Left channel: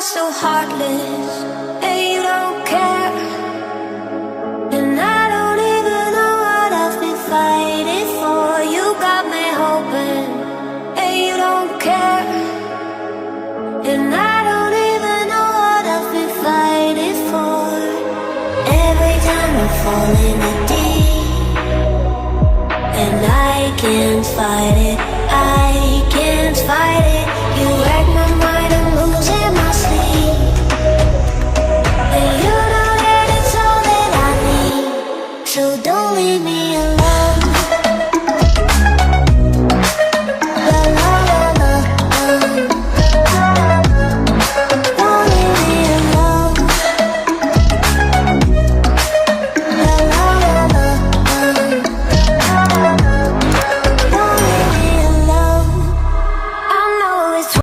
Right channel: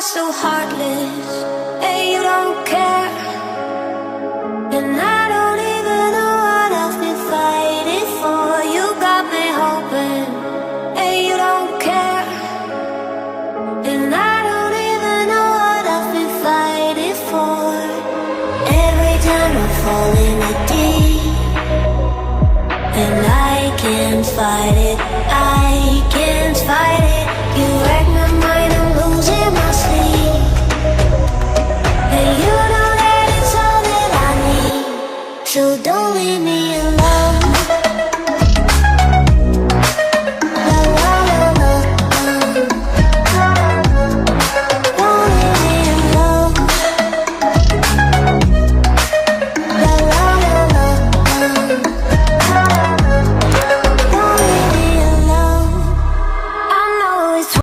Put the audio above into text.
are so heartless, and you don't care. And I don't even know what I've been fighting for. You got me hoping, and you don't care. And I don't even know what I've been fighting for. Every time I fall in the deep, and I can't fight it, I can't fight it. You wreck my mind, I'm losing my sleep. And you know that it's all that I need, so don't leave me alone. La la la la la. Don't leave me alone. La la la la la. Don't leave me alone. I know it's